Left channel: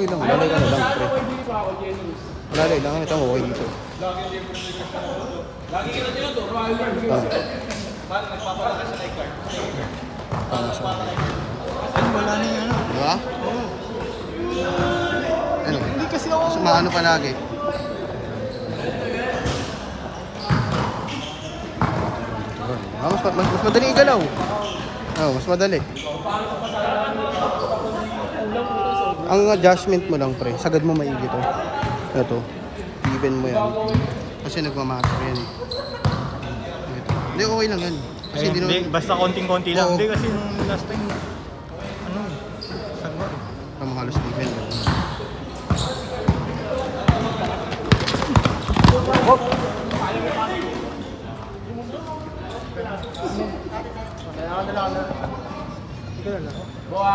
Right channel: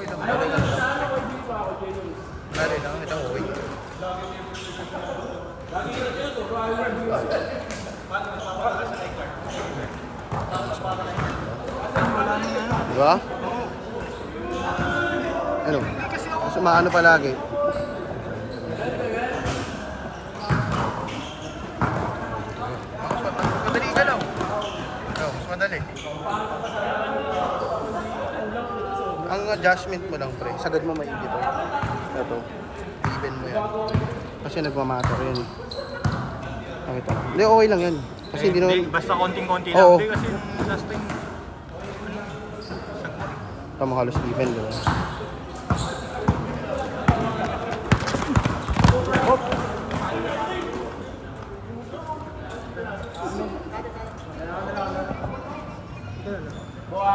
Okay lang. Wala lang. Ito mo. Wala na yung ano. Diba? Oo. Ano? Hindi kasi ako. Maano palagi? Mas madali igalaw. Mas madali. Ang adjustment mo lang, pre. Sagad mo maigi to. Ito. Even mo yan. Kasi nagmamatter yan. Okay pa. Hindi, okay lang yan. Kasi Ayun, hindi basta konting-konti lang. Hindi kasi nung last time, sagwa. Tama halos even. Diba?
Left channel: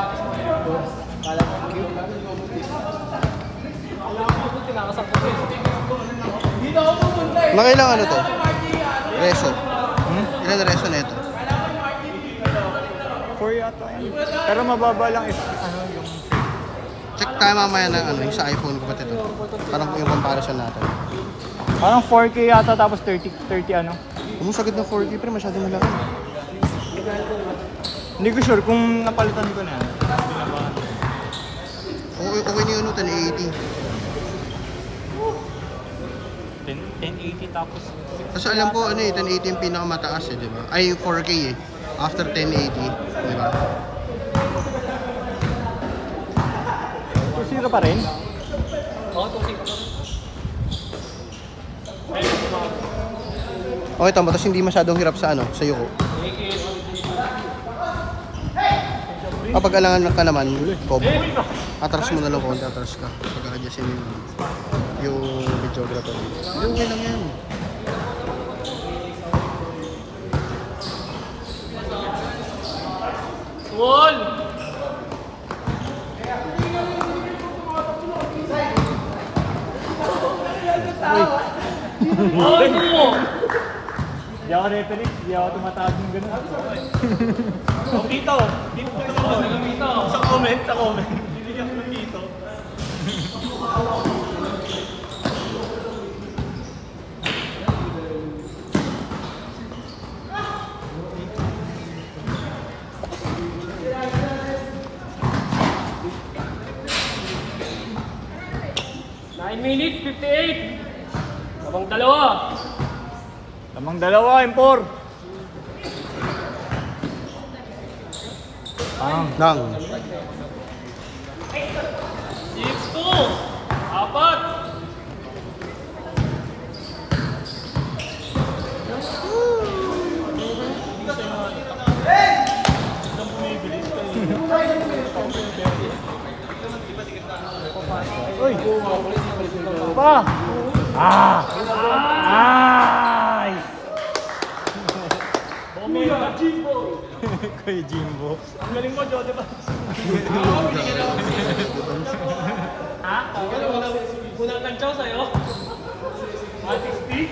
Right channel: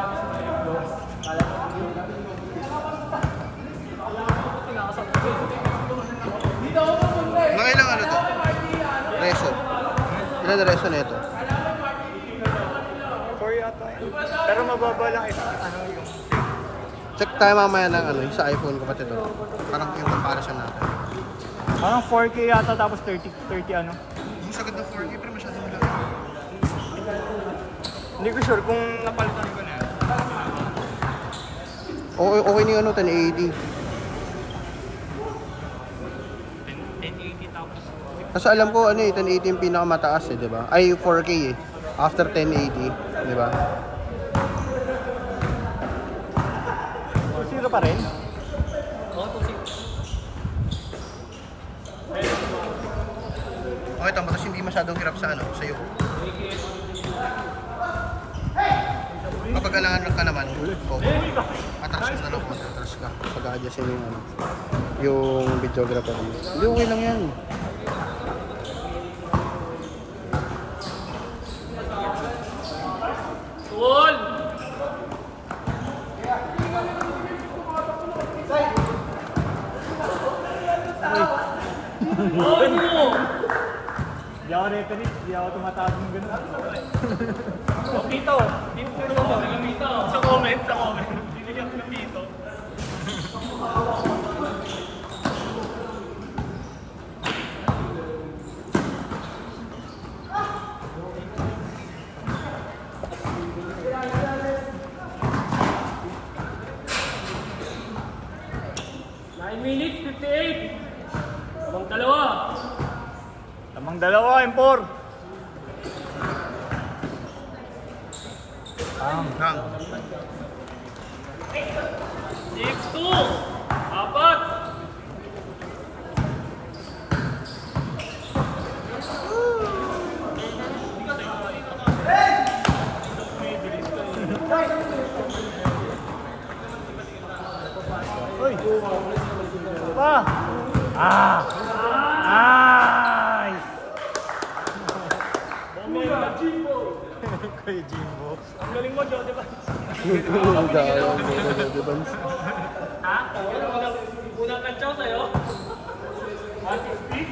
Mga ilang ano to? Reso. Ilan na reso na ito? 4 yata. Pero mababa lang ito. Check tayo mamaya ng ano, yung sa iPhone ko pati ito. Parang yung comparison natin. Parang 4K yata tapos 30 ano. Umusagad na 4K pero masyado malaki. Hindi ko sure kung napalitan ko na. Okay na yun, 1080. 1080 tapos. Kasi alam ko ano 1080 yung pinakamataas di ba? Ay 4K after 1080, di ba? Zero pa rin? Okay, tama. Tapos hindi masyadong hirap sa ano, sa yuko. Kapag alangan ka naman, atras mo na lang kung atras ka. Pag-a-adjust yung videographer. Hindi, okay lang yan. Wall! Wall mo! Hindi ako referee, hindi ako tumatawag ng gano'n. Dito! Dito! Sa comment. Hindi ako dito. 9 minutes, 58! Abang dalawa! Tamang dalawa, impor. Nang. Ito! Apat! Uy! Pa! Ay! Kuya Jimbo. Ha? Unang kantsaw sa'yo? 160?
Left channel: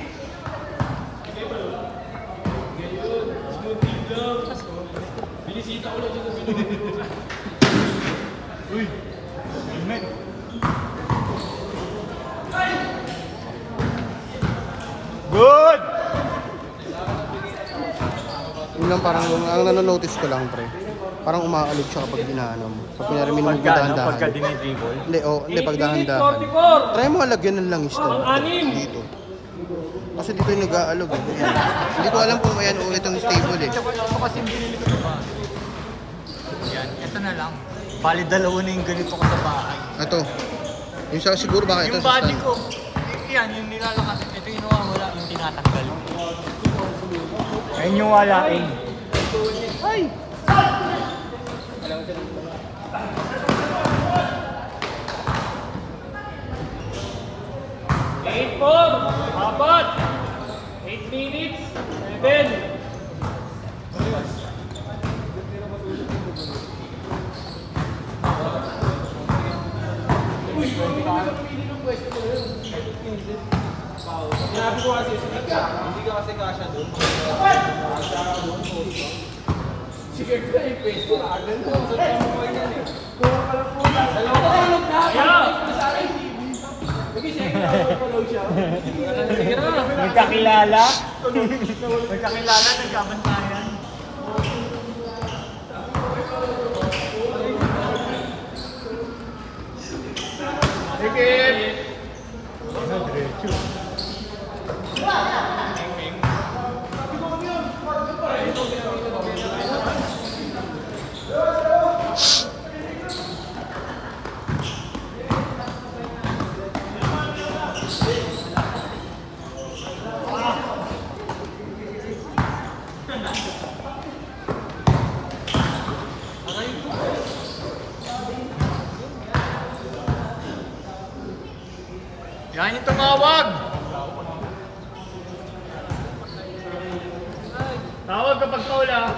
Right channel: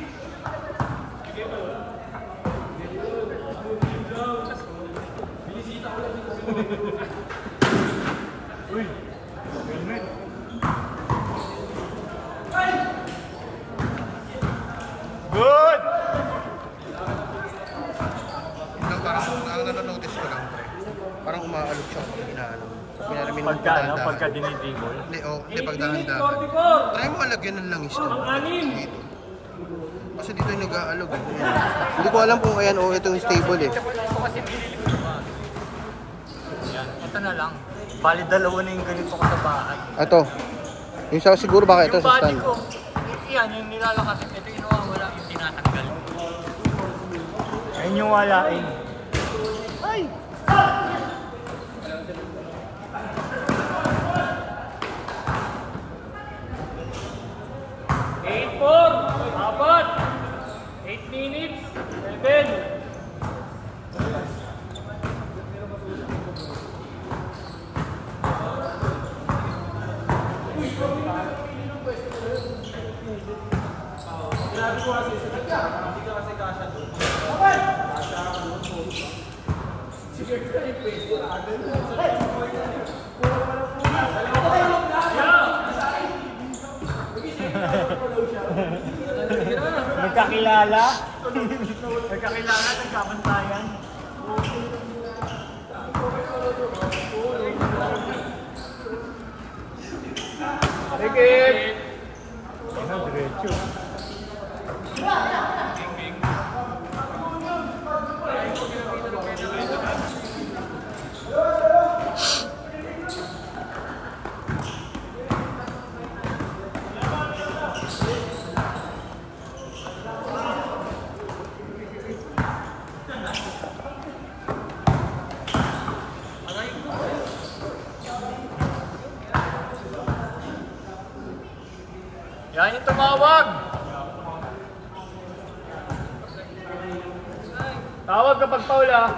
Ganyan. Smoothie lang. Binisita ko lang dito. Uy! Helmet! Good! Yun lang parang, ang nanonotice ko lang pre. Parang umakalig siya kapag hinahanap. Kapag pinarimin mo dahan-dahan. Pagka dinidigo. Hindi pag dahan-dahan. Try mo alagyan ng langis to. Dito. Kasi dito yung nag-aalog eh. Ayan. Hindi ko alam kung ayan o itong stable eh. Yan, ito na lang. Bali dalawa na yung ganito ko sa bahay. Ito. Yung sa siguro baka ito Yung sa body stand. ko, yan, yung nilalakas. Ito yung nawawala, yung tinatanggal. Ayun yung wala eh. Ay! Apat! 8 minutes, 11. Yeah! Magkakilala? Magkakilala, nagkabantayan. Sige! Yan yung tumawag! Tawag kapag foul ah.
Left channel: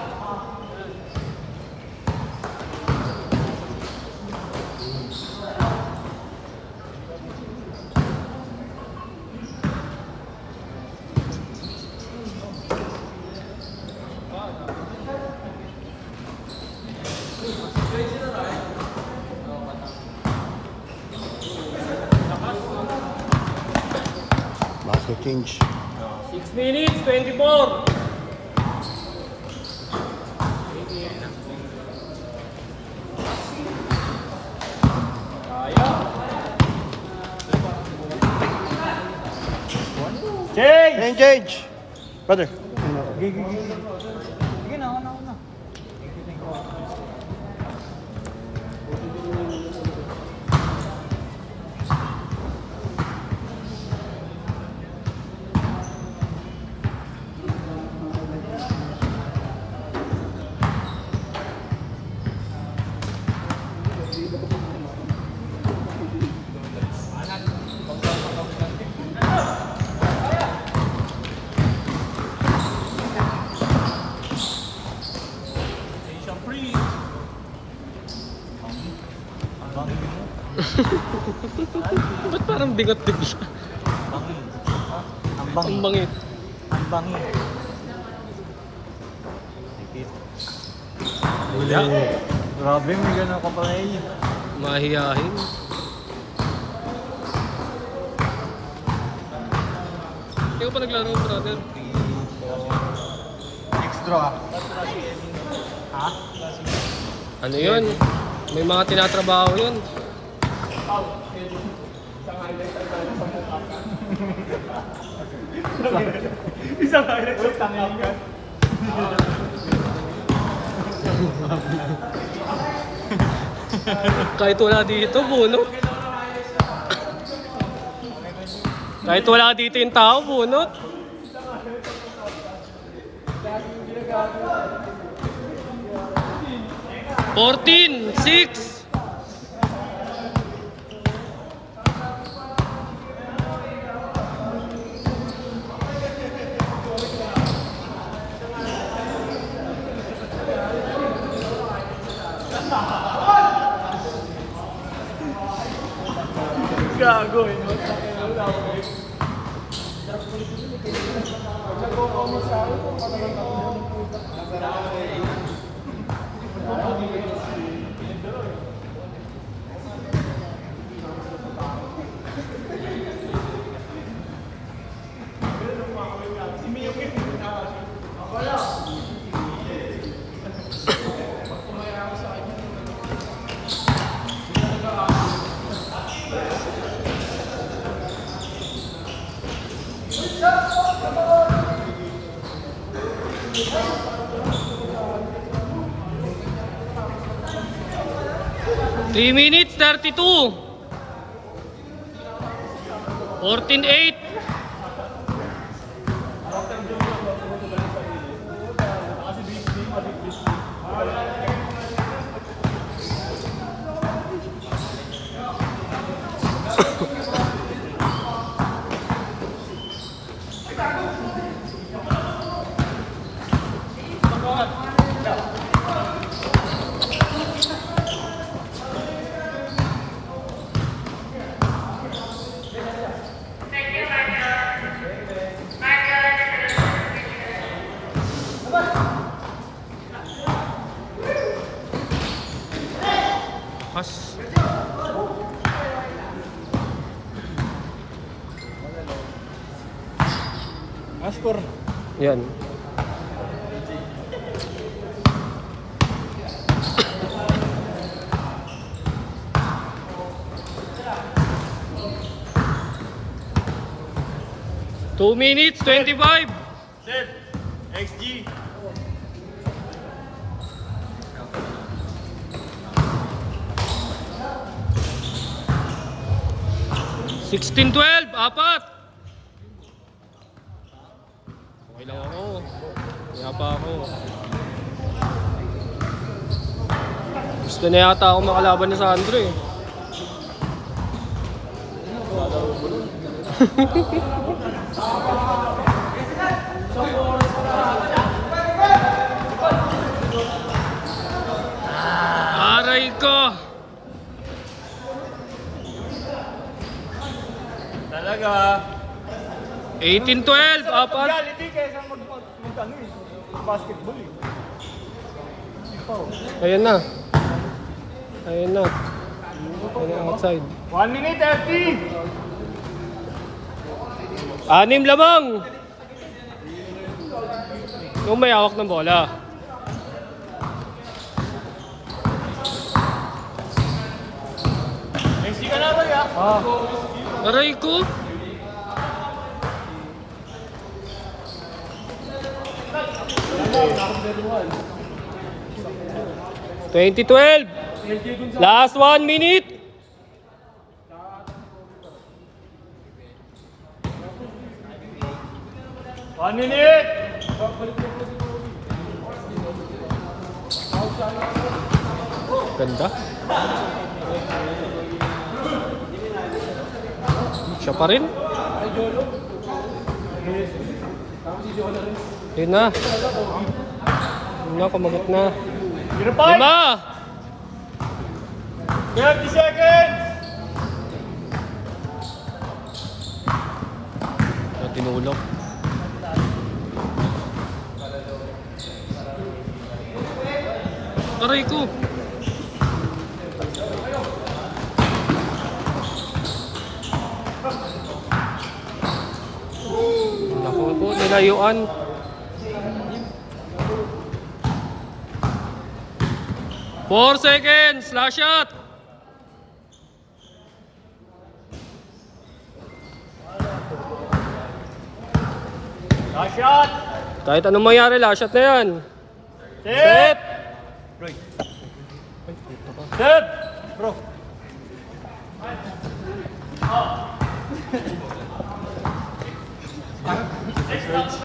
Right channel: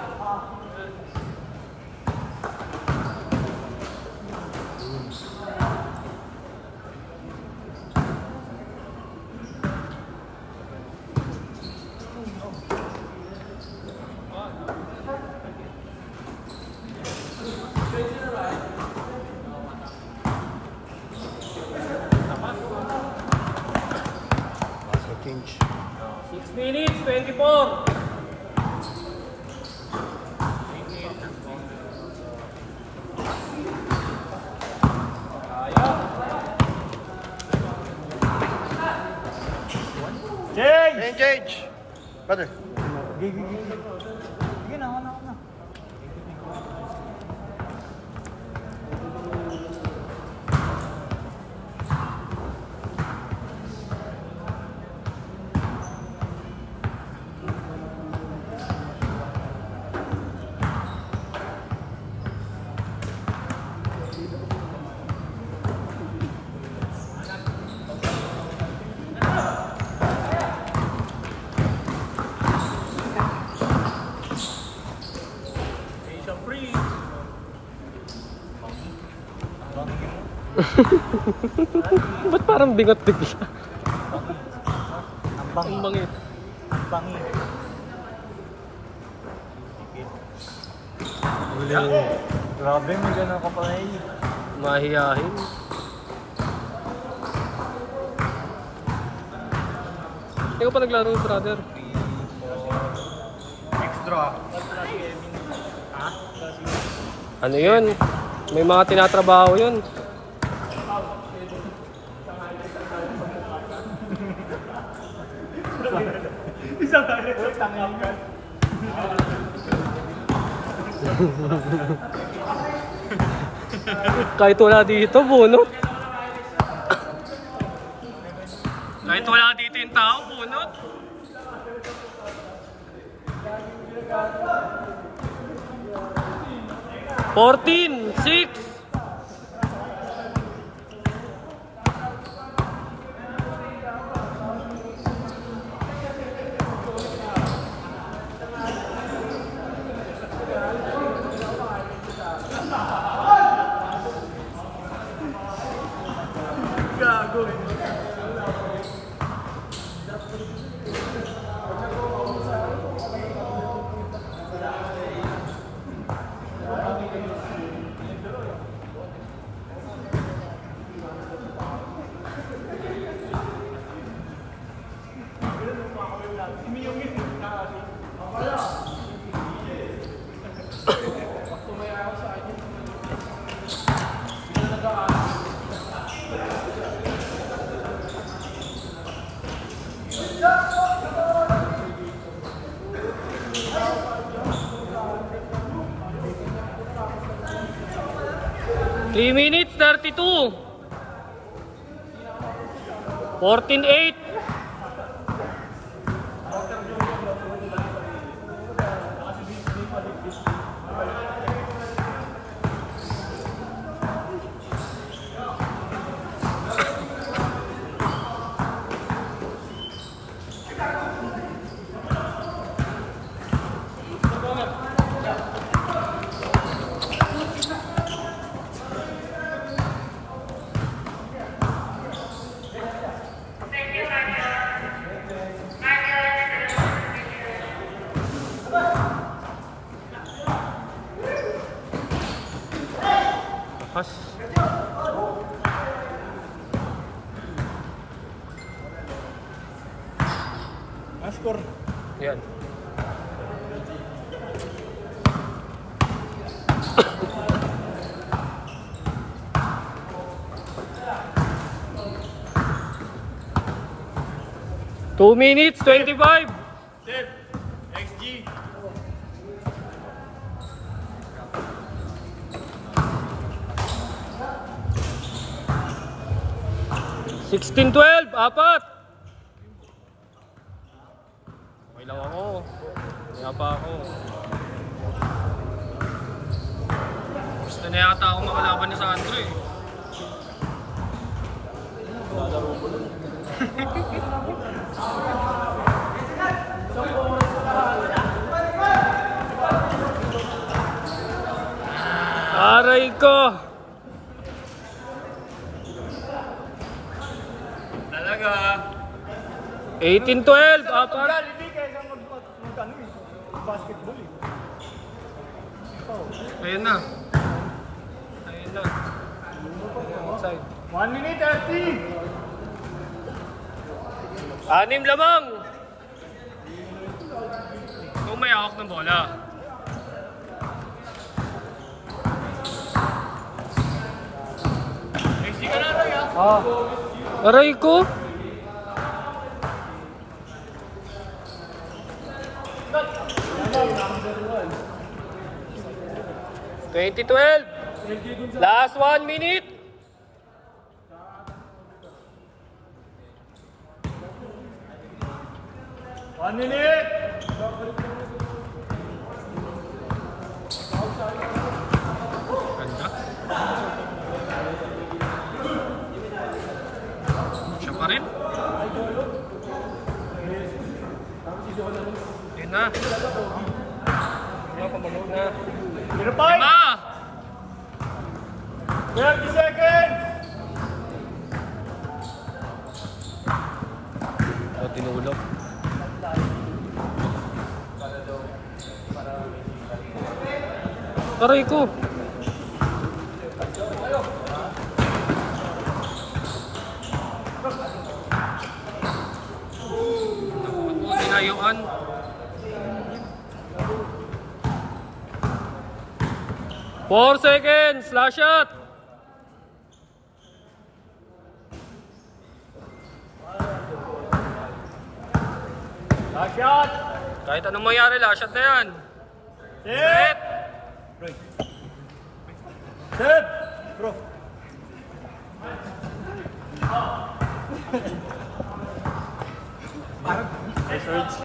Basket change. 6 minutes, 24. Change! Engage! Brother. Sige na, ano. Ba't parang bigat bigla? Ang bangit. Wala. Grabe, may ganun ka pa rin. Mahihayin. Hindi ko pa naglaro yung brother. Next draw. Ha? Ano yun? May mga tinatrabaho yun. Isang direct sa kanya. Kahit wala dito, bunot. Kahit wala dito yung tao, bunot. Fourteen, 6. Gago eh. 3 minutes, 32. 14-8. Thank you. score. Yan. Two minutes, 25. Set. XG. 16-12, apat. Okay lang ako. Kaya pa ako. Gusto na yata ako makalaban na Sandro eh. Aray ko! Talaga. 18-12, apat. Reality kaysa basketball eh. Ayan na. Ayan na. Outside. 1 minute, FT! 6 lamang. Kung may hawak ng bola. XG ka na tayo ah. Aray ko. $20-12. Last 1 minute. One minute! Ganda. Siya pa rin. Ayun na. Ayun na, kumagit na. 5 5! 30 seconds! Tinulog. Aray ko. Naku po, nilayuan. Four seconds, last shot. Last shot! Kahit anong mangyari, last shot na yan. Set! Set! Bro.